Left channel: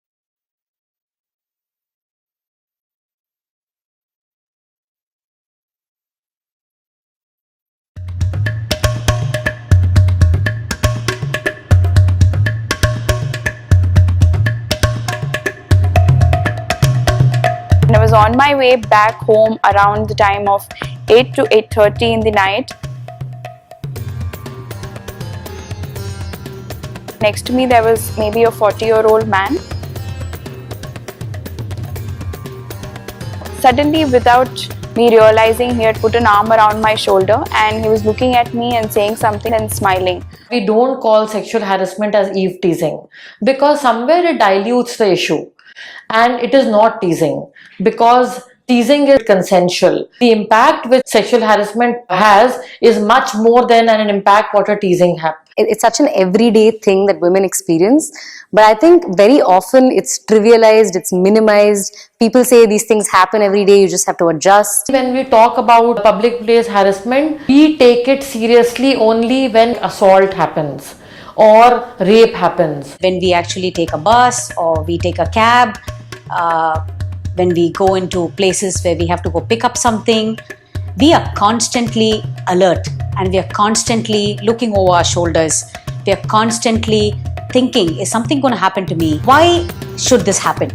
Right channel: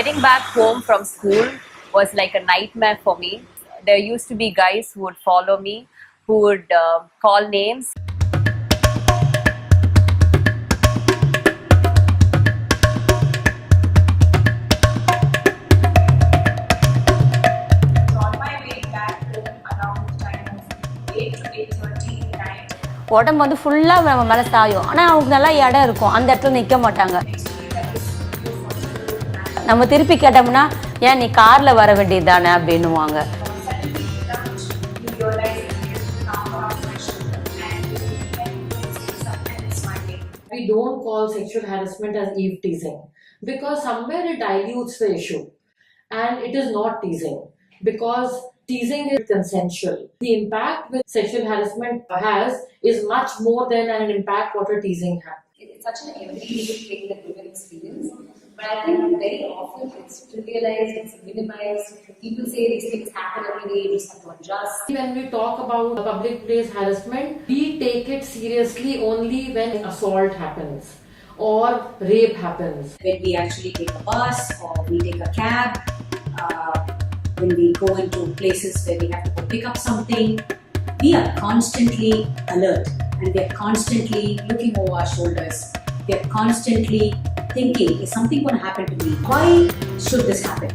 Getting back home from school was like a nightmare for me. There used to be guys who would follow me, who would call names. I was on my way back home around the time of 8 to 8:30 in the night. உடம்பு வந்து ஃபுல்லாக நம்ம மேலே சாயும். ஆனால் அவங்களுக்கு நல்லா இடம் இருக்கும், அந்த இடத்துல நிற்க மாட்டாங்க. Next to me there was maybe a 40-year-old man. நம்ம திருப்பி கேட்டோம்னா ஏன் நீ காரில் வர வேண்டியதானே அப்படின்னுவாங்க. Suddenly, without me realizing, he had put an arm around my shoulder and he was looking at me and saying something and smiling. We don't call sexual harassment as eve teasing because somewhere it dilutes the issue and it is not teasing because teasing is consensual. The impact which sexual harassment has is much more than an impact what a teasing has. It's such an everyday thing that women experience, but I think very often it's trivialized, it's minimized. People say these things happen every day, you just have to adjust. When we talk about public place harassment, we take it seriously only when assault happens or rape happens. When we actually take a bus or we take a cab, when we go into places where we have to go pick up something, we are constantly alert and we are constantly looking over our shoulders. We are constantly thinking, is something going to happen to me? Why should this happen?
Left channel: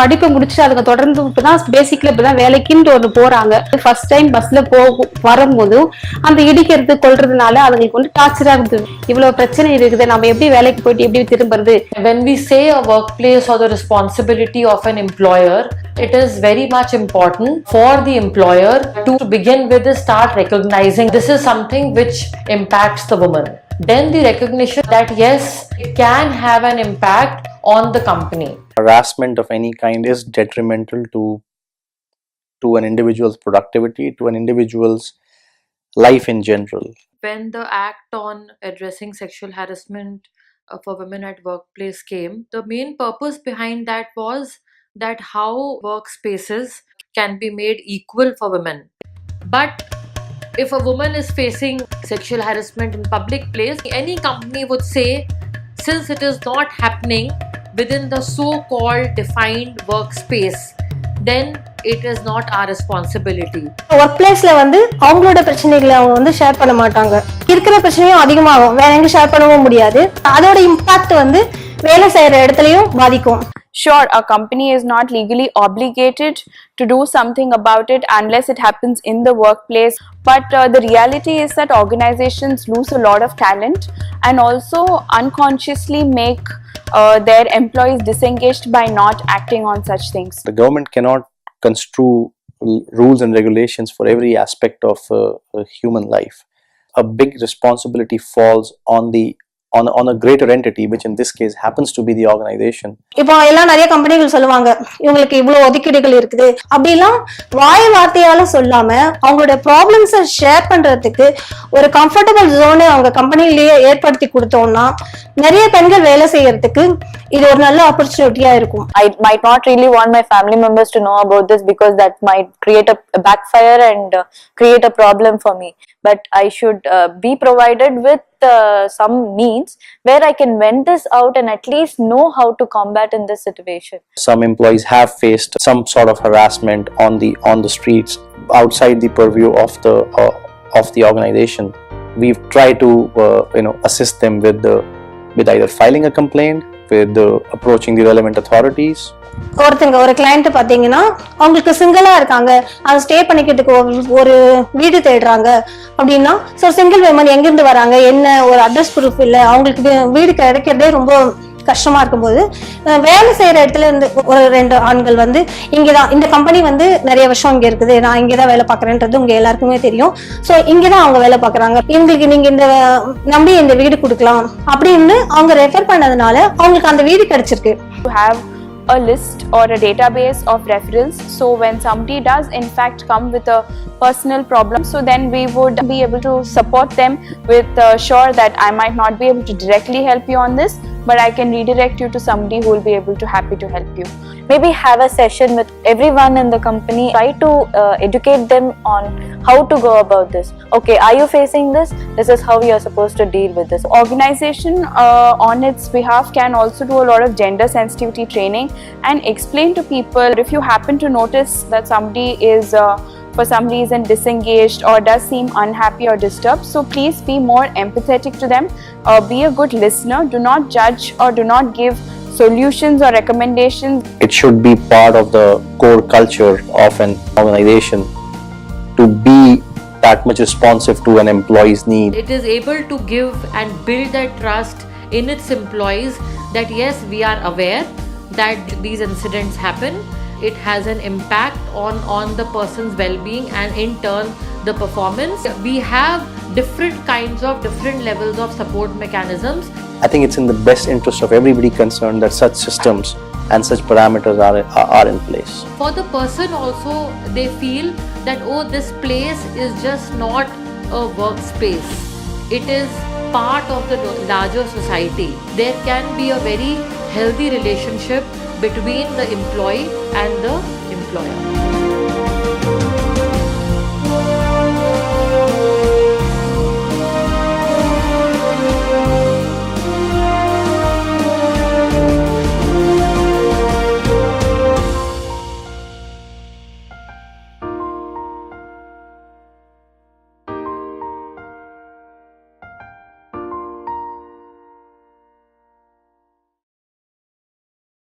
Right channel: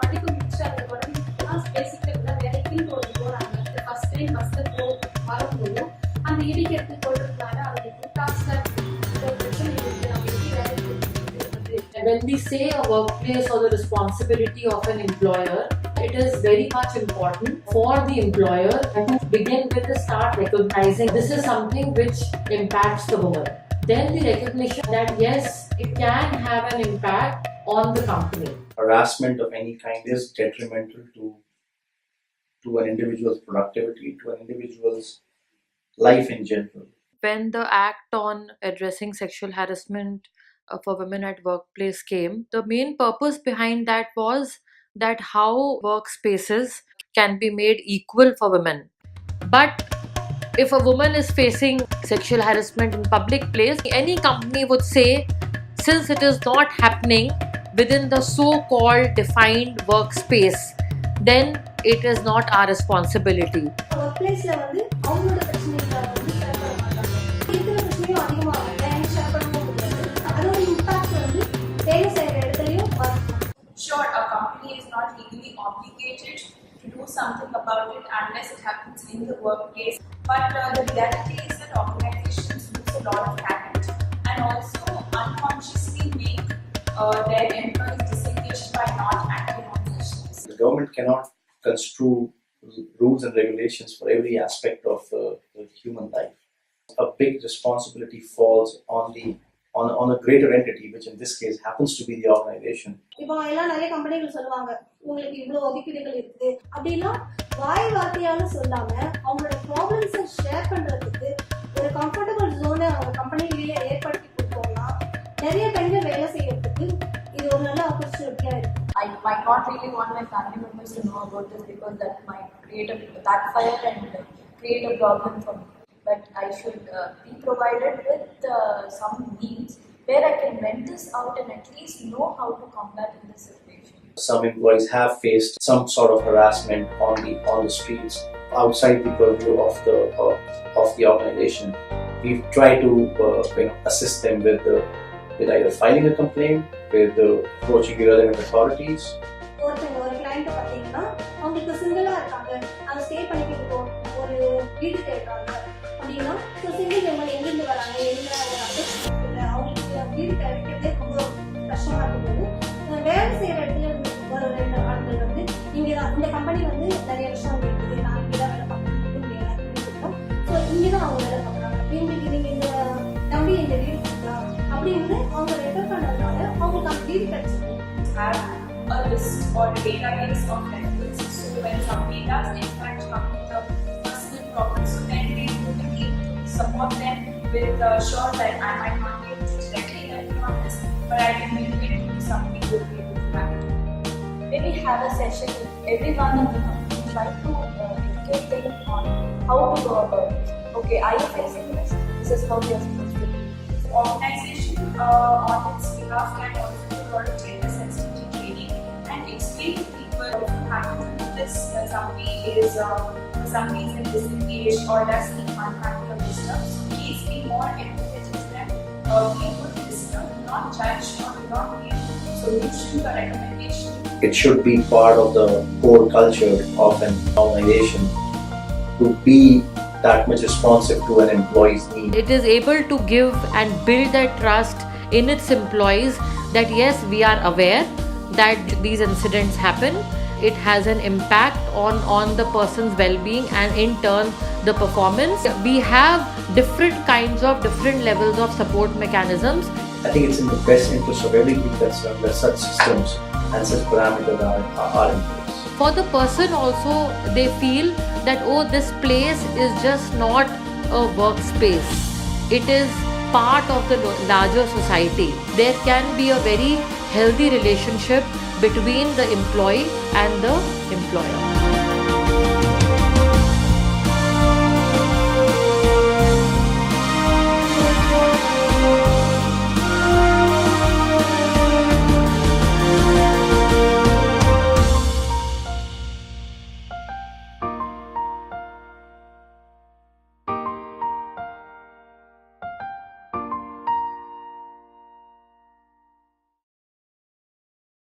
படிப்பை முடிச்சுட்டு அதுக்கு தொடர்ந்து இப்பதான் பேசிக்கல இப்பதான் வேலைக்குன்னு ஒன்று போறாங்க. First time பஸ்ல வரும்போது அந்த இடிக்கிறது கொள்றதுனால அதுங்களுக்கு வந்து டார்ச்சரா இருக்குது. இவ்வளவு பிரச்சனை இருக்குது, நம்ம எப்படி வேலைக்கு போயிட்டு எப்படி திரும்புறது? When we say a workplace or the responsibility of an employer, it is very much important for the employer to begin with is start recognizing this is something which impacts the woman. Then the recognition that yes, it can have an impact on the company. Harassment of any kind is detrimental to an individual's productivity, to an individual's life in general. When the act on addressing sexual harassment for women at workplace came, the main purpose behind that was that how workspaces can be made equal for women. But if a woman is facing sexual harassment in public place, any company would say, since it is not happening within the so-called defined workspace, then it is not our responsibility. Work பிளேஸ்ல வந்து அவங்களோட பிரச்சனைகளை அவங்க வந்து share பண்ண மாட்டாங்க. இருக்கிற பிரச்சனையும் அதிகமாகும், வேற எங்க ஷேர் பண்ணவும் முடியாது. அதோட இம்பாக்ட் வந்து வேலை செய்யற இடத்துலயும் பாதிக்கும். Sure, a company is not legally obligated to do something about it unless it happens in the workplace. But the reality is that organizations lose a lot of talent and also unconsciously make their employees disengaged by not acting on such things. The government cannot construe rules and regulations for every aspect of human life. A big responsibility falls on a greater entity, which in this case happens to be the organization. இப்போ எல்லாம் நிறைய கம்பெனிகள் சொல்லுவாங்க இவங்களுக்கு இவ்வளவு ஒதுக்கீடுகள் இருக்குது அப்படிலாம் வார்த்தையால சொல்லாம அவங்களோட ப்ராப்ளம்ஸை ஷேர் பண்றதுக்கு ஒரு கம்ஃபர்டபுள் ஜோனை அவங்க கம்பெனிலேயே ஏற்படுத்தி கொடுத்தோம்னா நிறைய பெண்கள் வேலை செய்யறதுக்கு இது ஒரு நல்ல ஆப்பர்ச்சுனிட்டியா இருக்கும். I might not really want my family members to know about this because that might create a backfire and create a problem for me. But I should be provided with some means where I can vent this out and at least know how to combat in this situation. Some employees have faced some sort of harassment on the streets outside the purview of the organization. We've tried to assist them with either filing a complaint, with approaching the relevant authorities. ஒரு client பாத்தீங்கன்னா அவங்களுக்கு சிங்கிளா இருக்காங்க, அதை stay பண்ணிக்கிறதுக்கு ஒரு வீடு தேடுறாங்க அப்படின்னா சிங்கிள் விமன் எங்கிருந்து வராங்க, என்ன ஒரு அட்ரஸ் ப்ரூஃப் இல்லை, அவங்களுக்கு வீடு கிடைக்கிறதே ரொம்ப கஷ்டமா இருக்கும்போது வேலை செய்யற இடத்துல இருந்து ஒரு 2 ஆண்கள் வந்து இங்கதான் இந்த கம்பெனி வந்து நிறைய வருஷம் இங்க இருக்குது, நான் இங்கதான் வேலை பார்க்கறேன்றது உங்க எல்லாருக்குமே தெரியும். ஸோ இங்கதான் அவங்க வேலை பார்க்கறாங்க, இவங்களுக்கு நீங்க இந்த நம்பி இந்த வீடு கொடுக்கலாம் அப்படின்னு அவங்க ரெஃபர் பண்ணதுனால அவங்களுக்கு அந்த வீடு கிடைச்சிருக்கு. To have a list or a database of referrals, so when somebody does in fact come with a personal problem, so then we would be able to support them with sure that I might not be able to directly help you on this, but I can redirect you to somebody who will be able to happy to help you. Maybe have a session with everyone in the company, try to educate them on how to go about this. Okay, are you facing this? This is how you are supposed to deal with this. Organization on its behalf can also do a lot of gender sensitivity training and explain to people if you happen to notice that somebody is for some reason disengaged or does seem unhappy or disturbed, so please be more empathetic to them, be a good listener, do not judge or do not give solutions or recommendations. It should be part of the core culture of an organization to be that much responsive to an employee's need. It is able to give and build that trust in its employees that yes, we are aware that these incidents happen. It has an impact on the person's well-being and in turn the performance. We have different kinds of different levels of support mechanisms. I think it's in the best interest of everybody concerned that such systems and such parameters are in place. For the person also, they feel that oh, this place is just not a workspace, it is part of the larger society. There can be a very healthy relationship between the employee and the employer.